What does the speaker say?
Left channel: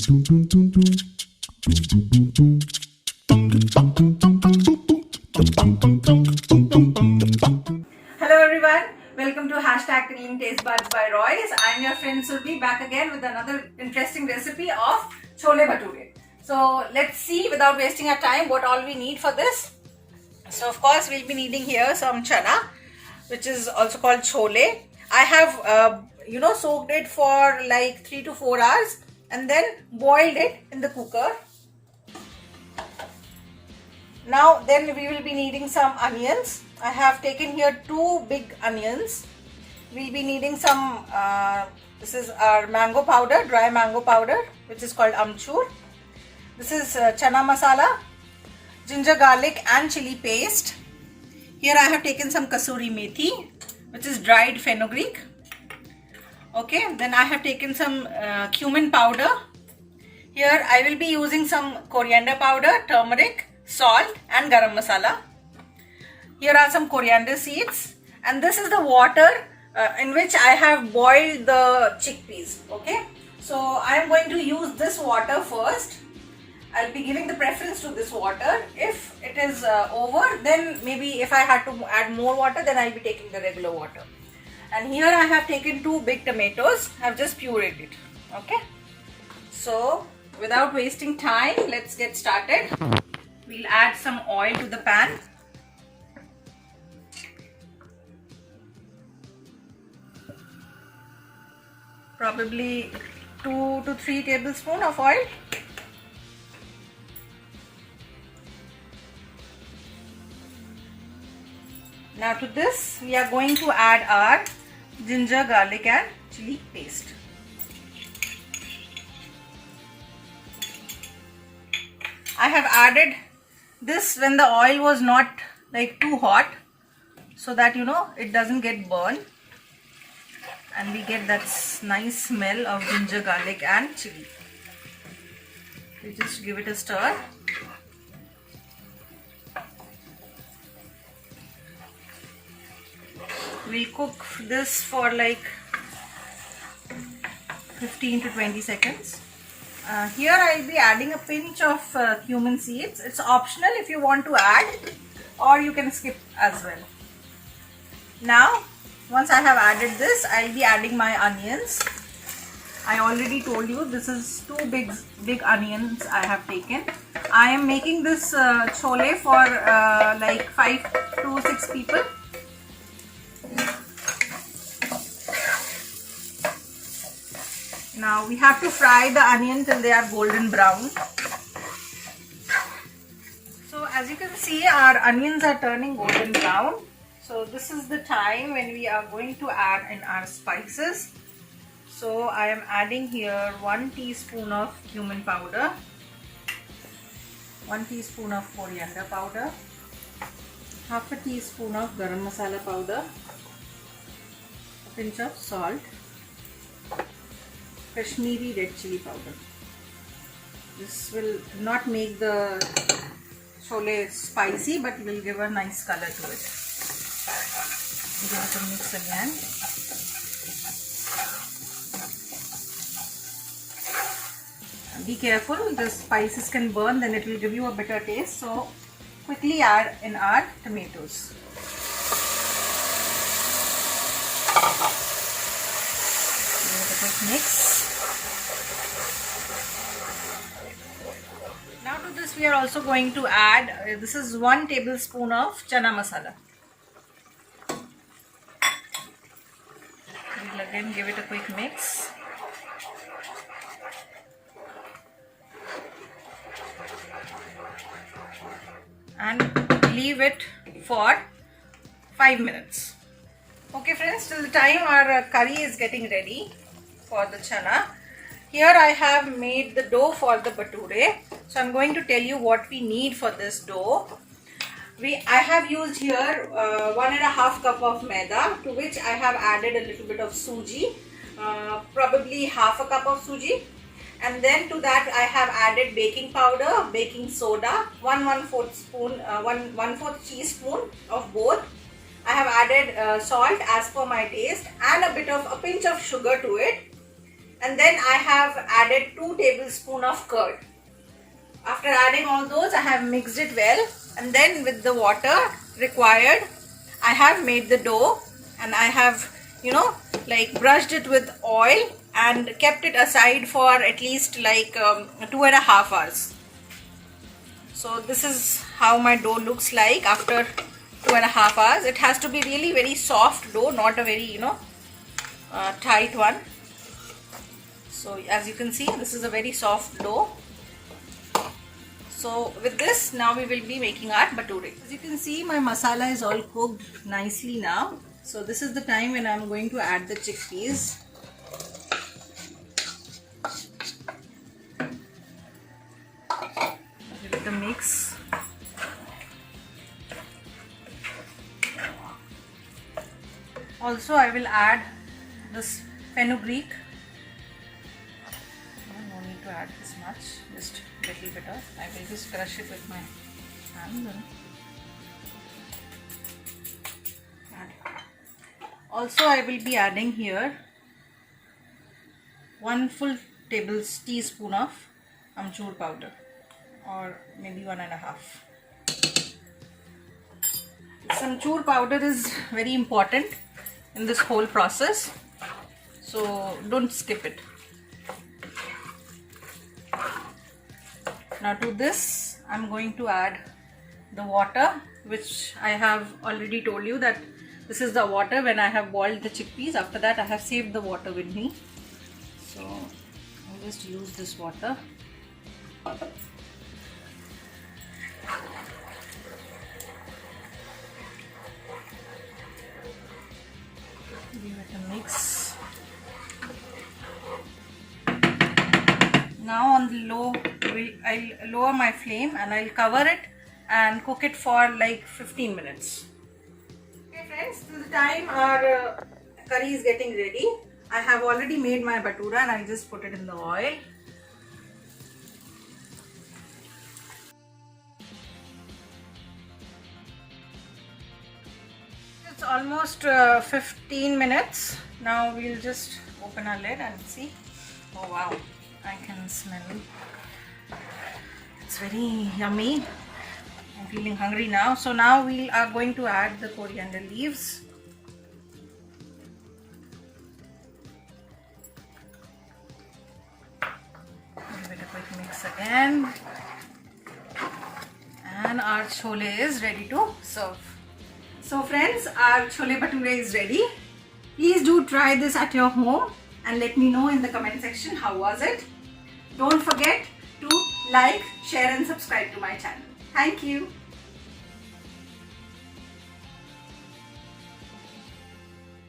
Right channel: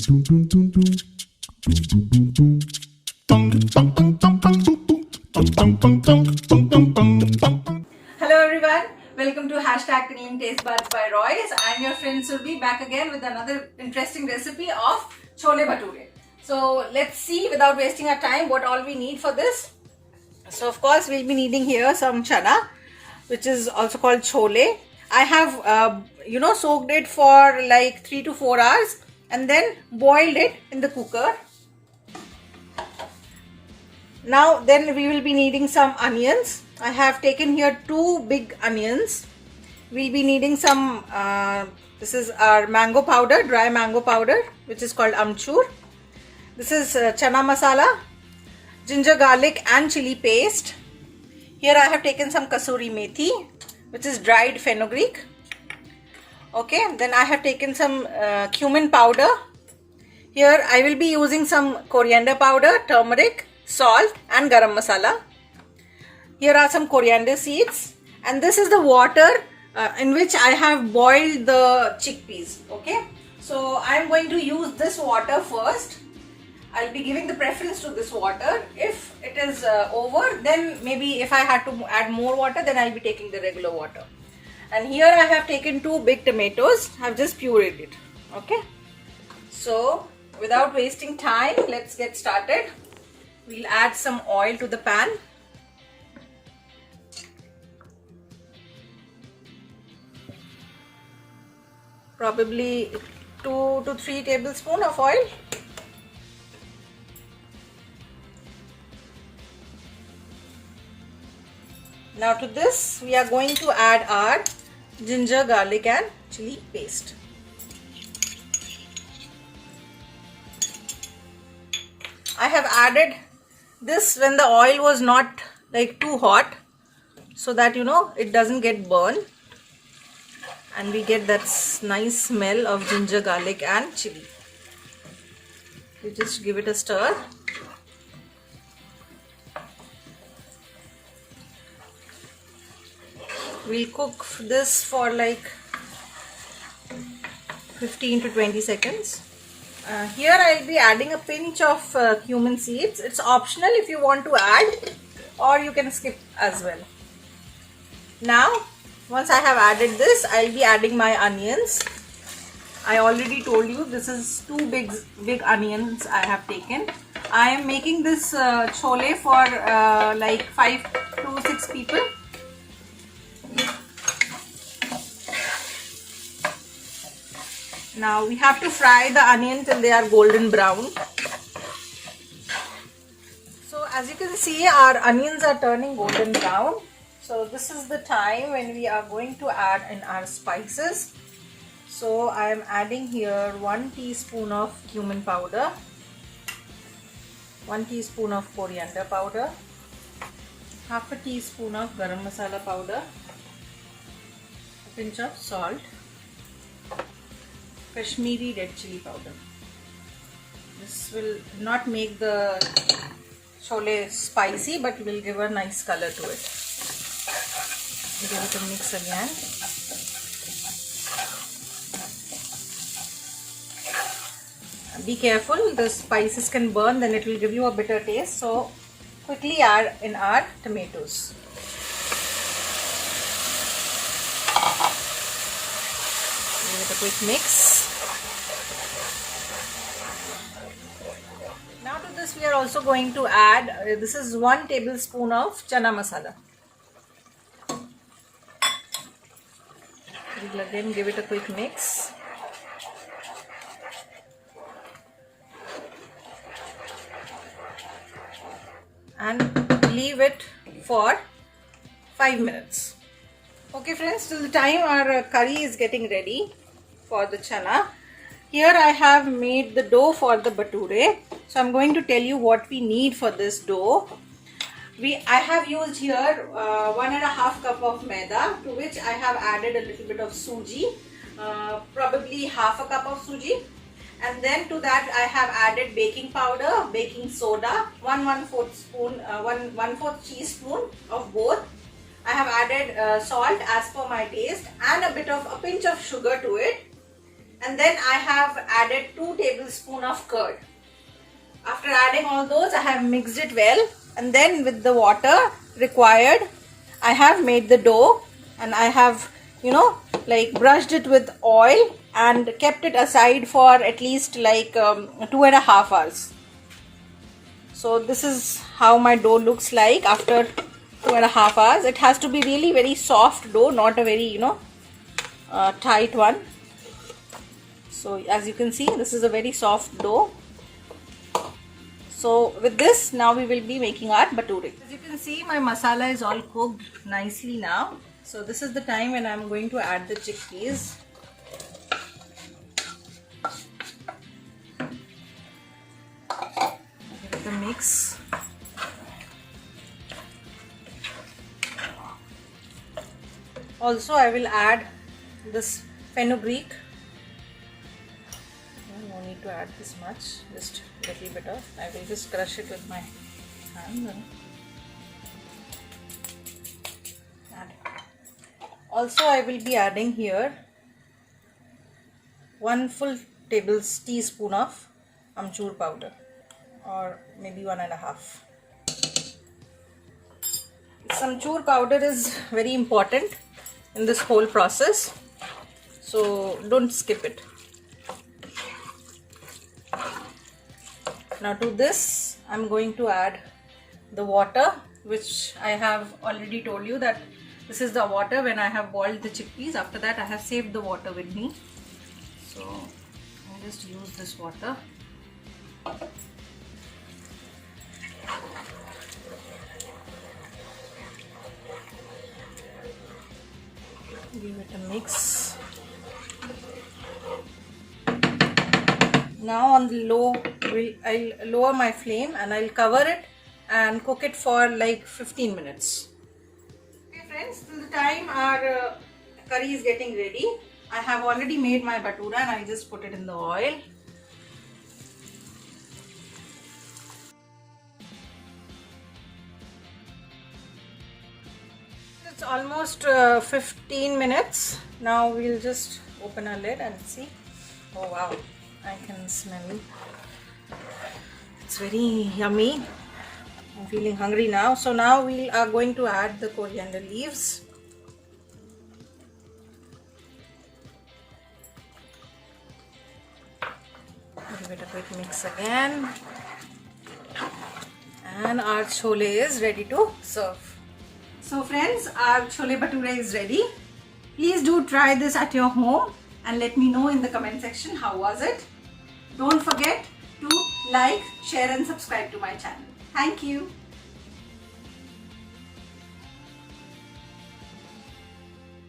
Hello everyone, welcome to Hashtag Tingling Taste Buds by Royce. I'm your friend Surbi, back again with another interesting recipe of Chole Bhature. So let's see, without wasting our time, what all we need for this. So of course we'll be needing here some chana, which is also called chole. I have soaked it for like 3 to 4 hours and then boiled it in the cooker. Now then we will be needing some onions. I have taken here 2 big onions. We'll be needing some, this is our mango powder, dry mango powder, which is called amchur. This is chana masala, ginger garlic and chili paste. Here I have taken some kasuri methi, which is dried fenugreek. Okay, then I have taken some cumin powder. Here I will be using some coriander powder, turmeric, salt and garam masala. Here are some coriander seeds, and this is the water in which I have boiled the chickpeas. Okay, so I am going to use this water first. I'll be giving the preference to this water. If it is over, then maybe if I had to add more water, then I'll be taking the regular water. And here I have taken 2 big tomatoes. I've just pureed it. Okay, so without wasting time, let's get started. We'll add some oil to the pan. Probably 2 to 3 tablespoons of oil. Now to this we are going to add our ginger, garlic and chili paste. I have added this when the oil was not like too hot, so that it doesn't get burned and we get that nice smell of ginger, garlic and chili. We just give it a stir. We'll cook this for like 15 to 20 seconds. Here I'll be adding a pinch of cumin seeds. It's optional if you want to add, or you can skip as well. Now, once I have added this, I'll be adding my onions. I already told you this is 2 big onions I have taken. I am making this chole for like 5 to 6 people. Now we have to fry the onions till they are golden brown. So as you can see, our onions are turning golden brown. So this is the time when we are going to add in our spices. So I am adding here 1 teaspoon of cumin powder, 1 teaspoon of coriander powder, half a teaspoon of garam masala powder, a pinch of salt, Kashmiri red chili powder. This will not make the chole spicy, but will give a nice color to it. Give it a mix again. Be careful, the spices can burn, then it will give you a bitter taste. So quickly add in our tomatoes. Give it a quick mix. Now to this we are also going to add, this is 1 tablespoon of chana masala. We'll again give it a quick mix. And leave it for 5 minutes. Okay friends, till the time our curry is getting ready for the chana, here I have made the dough for the bhature. So I'm going to tell you what we need for this dough. I have used here 1.5 cup of maida, to which I have added a little bit of suji, probably half a cup of suji. And then to that I have added baking powder, baking soda, 1/4 teaspoon of both. I have added salt as per my taste and a pinch of sugar to it. and then I have added 2 tablespoons of curd. After adding all those, I have mixed it well, and then with the water required, I have made the dough, and I have, like brushed it with oil and kept it aside for at least like 2.5 hours. So this is how my dough looks like after 2.5 hours. It has to be really very soft dough, not a very tight one. So as you can see, this is a very soft dough. So with this, now we will be making our bhature. As you can see, my masala is all cooked nicely now. So this is the time when I am going to add the chickpeas. Give it a mix. Also, I will add this fenugreek. No need to add this much, just a little bit of. I will just crush it with my hand. Also, I will be adding here 1 full teaspoon of amchur powder, or maybe 1.5. This amchur powder is very important in this whole process, so don't skip it. Now to this, I'm going to add the water, which I have already told you that this is the water when I have boiled the chickpeas. After that, I have saved the water with me. So I'll just use this water. Give it a mix. Now on the low, I'll lower my flame and I'll cover it and cook it for like 15 minutes. Okay friends, till the time our curry is getting ready, I have already made my bhatura and I just put it in the oil. It's almost 15 minutes. Now we'll just open our lid and see. Oh wow, I can smell it. It's very yummy. I'm feeling hungry now. So now we are going to add the coriander leaves. Give it a quick mix again. And our chole is ready to serve. So friends, our chole bhature is ready. Please do try this at your home and let me know in the comment section how was it. Don't forget to like, share and subscribe to my channel. Thank you.